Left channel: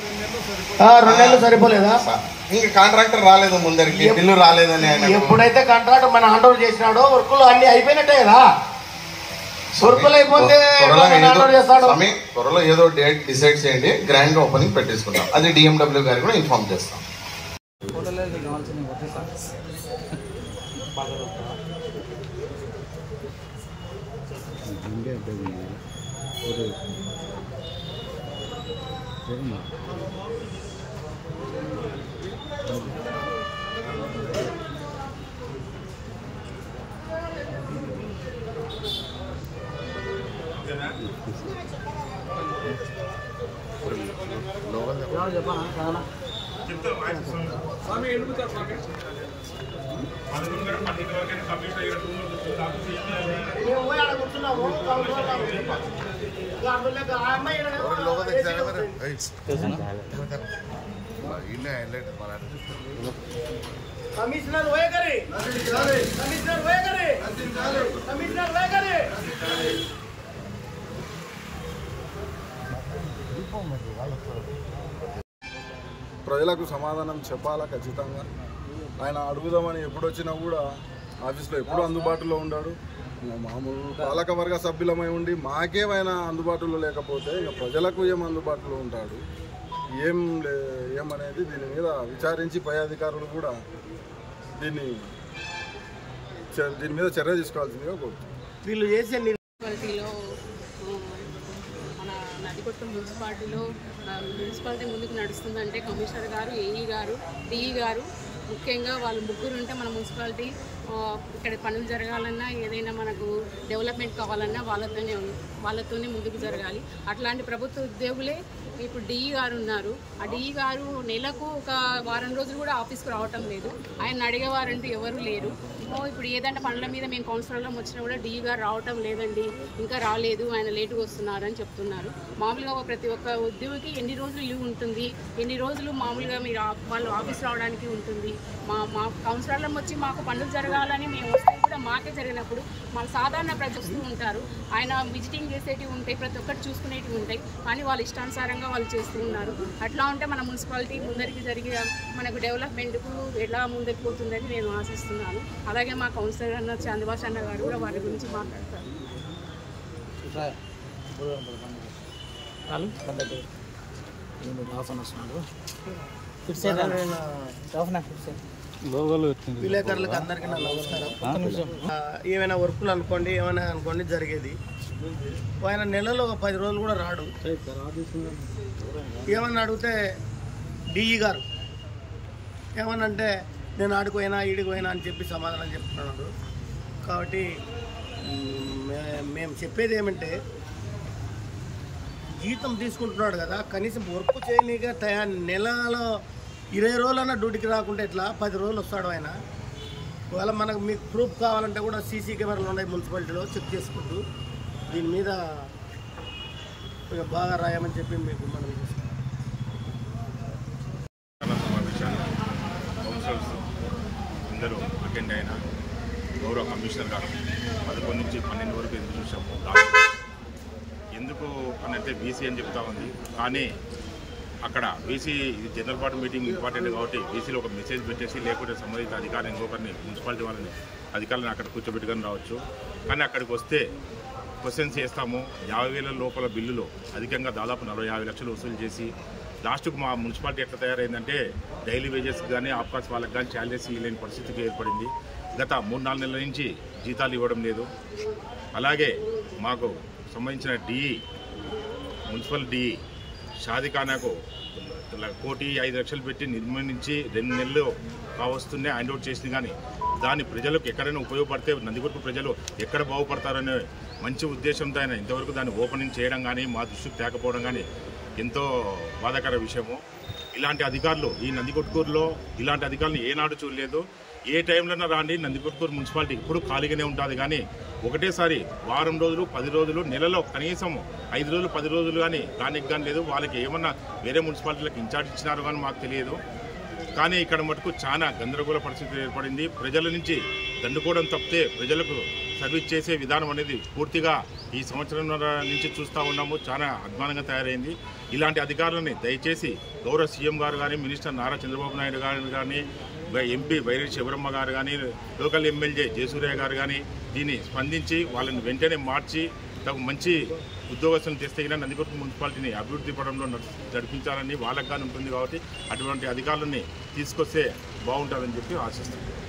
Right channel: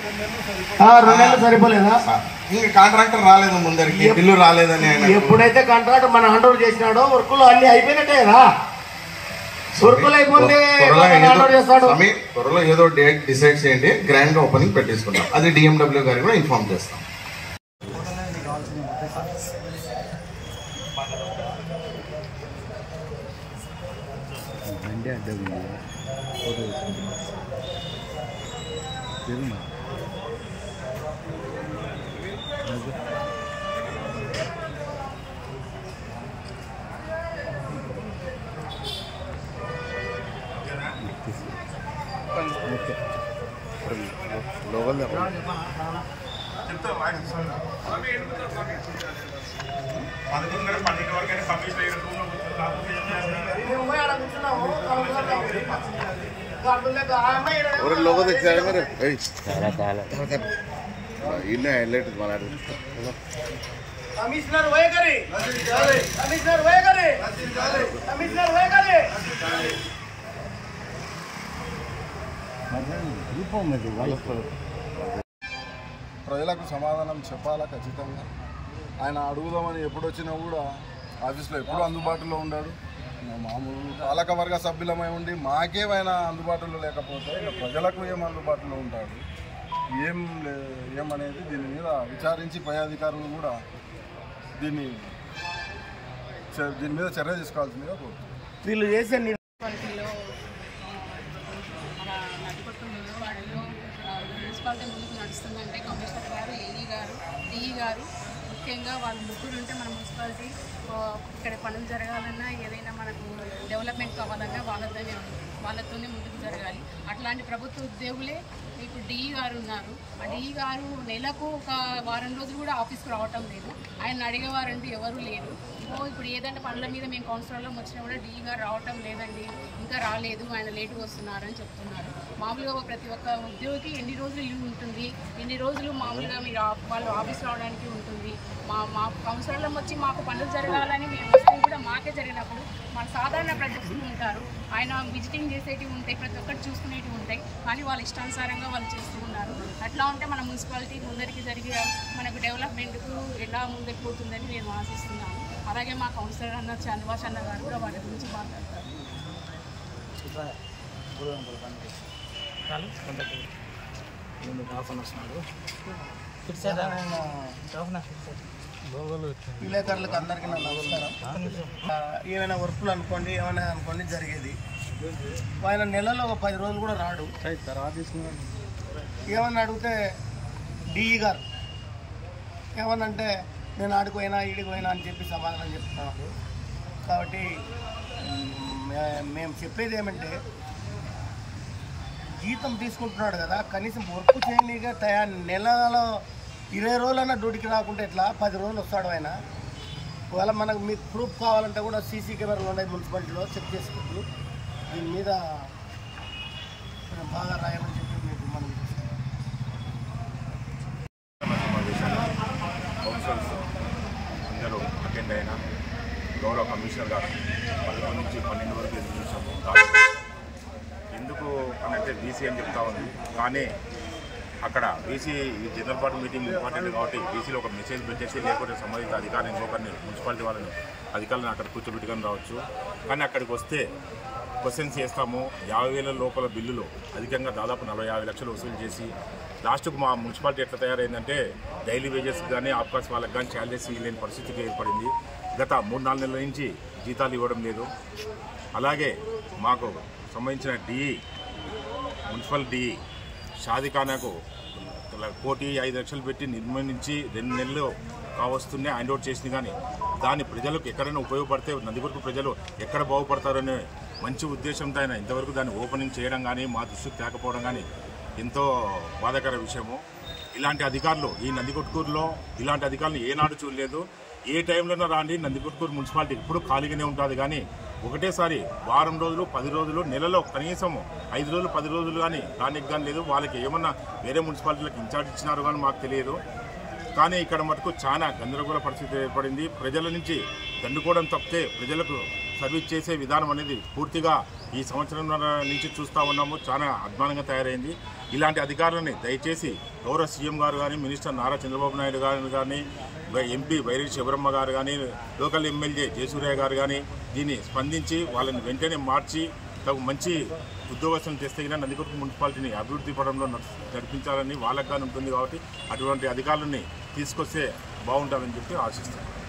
2 నెలలు సరిపోలేదా? ఇంకా కాంట్రాక్టర్ రాలేదు, ముందరికి బిల్లు రాలేదని. ఎప్పుడైతే కాంట్రాక్టర్ మన హ్యాండ్ ఓవర్ చేసినాడో వర్కులు అన్ని అయిపోయినట్టే కదా. వర్కులు అయిపోతే త్వరలో ఏదో డేట్ డిసైడ్ చేయండి, గ్రాండ్ గా ఓపెనింగ్ పెట్టేసుకుంటాం. అది డిఎండబ్ల్యూ గారికి కూడా ఇన్ఫార్మ్ చేస్తాం. కమిషనర్ వైఖరి, కమిషనర్ వైఖరి, కమిషనర్ వైఖరి. ప్రజలకు సమాధానం చెప్పాలా ఖచ్చితంగా. ఆయన అడుగుదామని ఎప్పుడు వచ్చినా కూడా ఆఫీస్లో ఎప్పుడు అందుబాటులో ఉన్నాడు. మామూలు పాలకవర్గ సభ్యులమై ఉండి మాకేమైనా అందుబాటులో లేకపోతే ఇంకా ప్రజలకు ఏం అందుబాటులో ఉంటాడు, ఏమనేది దీని మీద విచారించి పై అధికారులు కూడా దీని మీద చర్య తీసుకోవాల్సిందిగా కోరుతున్నాం. వీళ్ళు చేసే మన నదికొట్టు మున్సిపాలిటీ ముందుకు నడుస్తుందంటే కమిషనర్ గారు, ఏఈ గారు, డిఈ గారు, ముఖ్యంగా వాళ్ళు ముగ్గురు ఉంటే మన మున్సిపాలిటీ ఇక్కడ పనులు జరగాలన్నా ఏదైనా మనకు డెవలప్మెంట్ కావాలన్నా వాళ్ళతోనే ముందుకు జరగాలి. అట్లాంటి ప్రభుత్వ ఉద్యోగులే ఇప్పుడు డిఈ గారు ఉన్నారు. ఆ డిఈ గారు నెలకు ఒక వారం రోజులు కూడా ఆఫీస్కి రావటం లేదు. ఆయన అడిగేవారంటూ ఎవరు లేరు. ఇప్పుడు ఏదంటే పనుల మీద మేము కౌన్సిలర్లో వచ్చినా కూడా డిఈ గారు రావటం లేదండి, ఇంకా రాలేదు, ఆయన లేటుగా వస్తున్నారని చెప్తున్నారు. మామూలుగా ప్రతి ఒక్క ఉద్యోగికి ఎన్ని రోజులు లీవ్ ఉంటుంది, ఎన్ని రోజులు మామూలుగా మీరు వాళ్ళు ఆఫీస్ రావడానికి ఉంటుంది. మా కౌన్సిలర్లో వచ్చి మాకు పనులు జరగాలని మేము వస్తూ కూడా మాకే జరిగినప్పుడు మన సాధారణ ప్రజలు వస్తూ ఉంటారు. ఆయన విజిటింగ్ చేసేటివి ఉంటాయి, ప్రతి ఒక్కటి చూసుకునేటివి ఉంటాయి, కానీ వాళ్ళు ఇష్టానుసారంగా వాళ్ళు చేస్తూ ఉన్నారు. అట్లా ఉంటే మన మున్సిపాలిటీ ముందరికి జరిగే మనకు డెవలప్మెంట్కు ఎలా ముందుకు పోతుందని నేను ఆశిస్తున్నాను. అలాగే మా కౌన్సిలర్ అన్న చంద్రబాబు అన్న గారు కూడా వాటి గురించి మాట్లాడతారు. విలేకరులకు అందరికీ నా నమస్కారం. ఏమైనా వర్కులు అనుకోండి, ఏమైనా అనుకోండి జరిగేది. ఆయన నెలలో 10 రోజులు కూడా రాడు. ఏమన్నా అడిగితే డిఈ గారు ఏమనంటే నేను ఆడిపోయినా ఈడిపోయినా అని చెప్పి సమాధానం చెప్తున్నారు. కాబట్టి మేము చెప్పేది ఏమంటే జీతం తీసుకుంటున్నాడు కదా, కనీసం వర్క్ చేయనీగా నెలలో 20 రోజులన్నా డ్యూటీకి రాకుంటే ఎట్లా 10 రోజులు వస్తాడు ఆయన. ఒకవేళ మనకు మీకు ప్రూఫ్ కావాలంటే కూడా సీసీ కెమెరాలు ఉన్నాయి మున్సిపాలిటీలో, చెక్ చేసుకుంటూ దీని మీద కొంచెం బాగా రాయమని చెప్పి మీకు మనం కౌన్సిలర్స్ అందరూ అటెండ్ అయిన గౌరవ కమిషనర్ గారు 11 నుంచి 12 వరకు ఎదురు చూసాము. ఎందుకు అని అంటే బీసీ అని చెప్తా ఉంది, కానీ అక్కడ BC general body meeting important కాబట్టి బీసీలో ఒక మెసేజ్ పెట్టేసి లేకపోతే సంబంధిత అధికారులు ఇంకొకరిని మున్సిపాలిటీ వాళ్ళని అధికారులను అక్కడ కూర్చోబెట్టుకొని రావచ్చు. కానీ అక్కడికి వస్తే క్వశ్చన్స్ చేస్తాము. 50,000 లోపల బిల్లులు అధికంగా దాదాపు 40-50 లక్షలు వసూలు చేసి లాస్ట్కు మా మున్సిపాలిటీ ఎట్లా తయారైందంటే డైలీ వేజెస్ కానీ ఆఫ్కాస్ వాళ్ళకి కానీ శాలరీస్ ఇవ్వలేని పరిస్థితికి ఏర్పడింది. గత 3-4 నెలల నుంచి జీతాలు ఇవ్వడం లేదు. అలాగే మాకు సంబంధించిన డిఈ మున్సిపల్ డిఈ షాదిఖానాకు 1,05 లక్షలు పెట్టి నిర్మించి 2 నెలలు కావస్తుండే హ్యాండ్ అవుట్ చేసింది. కానీ దాని ప్రజలకు ఎక్కడైనా ఉపయోగపడితే నందికొట్టు ప్రజలు ఎక్కడ బాగుపడతారనే మంచి ఉద్దేశంతో ఆయన ఇంతవరకు దాన్ని ఓపెనింగ్ చేయడం కానీ మా దృష్టికి తేకపోవడం కానీ ఎంతో బాధాకర విషయము. ఇలాంటి అధికారులు ఈ నందికొట్కూరులో ఇలాంటి అధికారులు ఏనాడు చూడలేదు. ఏ టైంలోనో రాండి, నందికొట్కూరు మున్సిపాలిటీ ఇప్పుడు ఖాళీగానే ఉంటుంది. కానీ ఒకటేసారి వారం రోజులు 10 రోజులు నెలలో కనీసం 5 రోజులు 10 రోజులు కానీ రానికి కానీ లేదు. వాళ్ళకి ఏమన్నా వేరే మున్సిపాలిటీలకు ఇన్ఛార్జ్ ఇచ్చినారో కానీ మాకు తెలియదు. కానీ ఇక్కడ మటుకు చాలా గందరగోళ పరిస్థితి ఏర్పడింది. ప్రజల నుంచి దండుకోవడం తప్పితే ప్రజలకు సర్వీస్ చేసే విధానం అనేది పూర్తిగా ఈ సంవత్సరం నుంచి చూస్తూ ఉన్నాము. చాలా అధ్వానంగా తయారైంది. ఇలాంటి అధికారులని దయచేసి గౌరవ సీఎం గారు కానీ, మినిస్టర్ నారా చంద్రబాబు నాయుడు గారు కానీ, ఎంపీ బైరెడ్డి శివరమ్మ గారు కానీ, లోకల్ ఎమ్మెల్యే జయసూర్య గారు కానీ దీన్ని స్పందించి వాళ్ళని వెంటనే మార్చి తగు మంచి ఉద్యోగస్తులను తెస్తే నందికొట్టు మున్సిపాలిటీని అభివృద్ధి పడంలో నడిపించాలని వాళ్ళకి కానీ ఉంటుంది. కాబట్టి అటువంటి అధికారులని తీసుకొస్తే బాగుంటుందని చెప్పి ఆశిస్తున్నాను.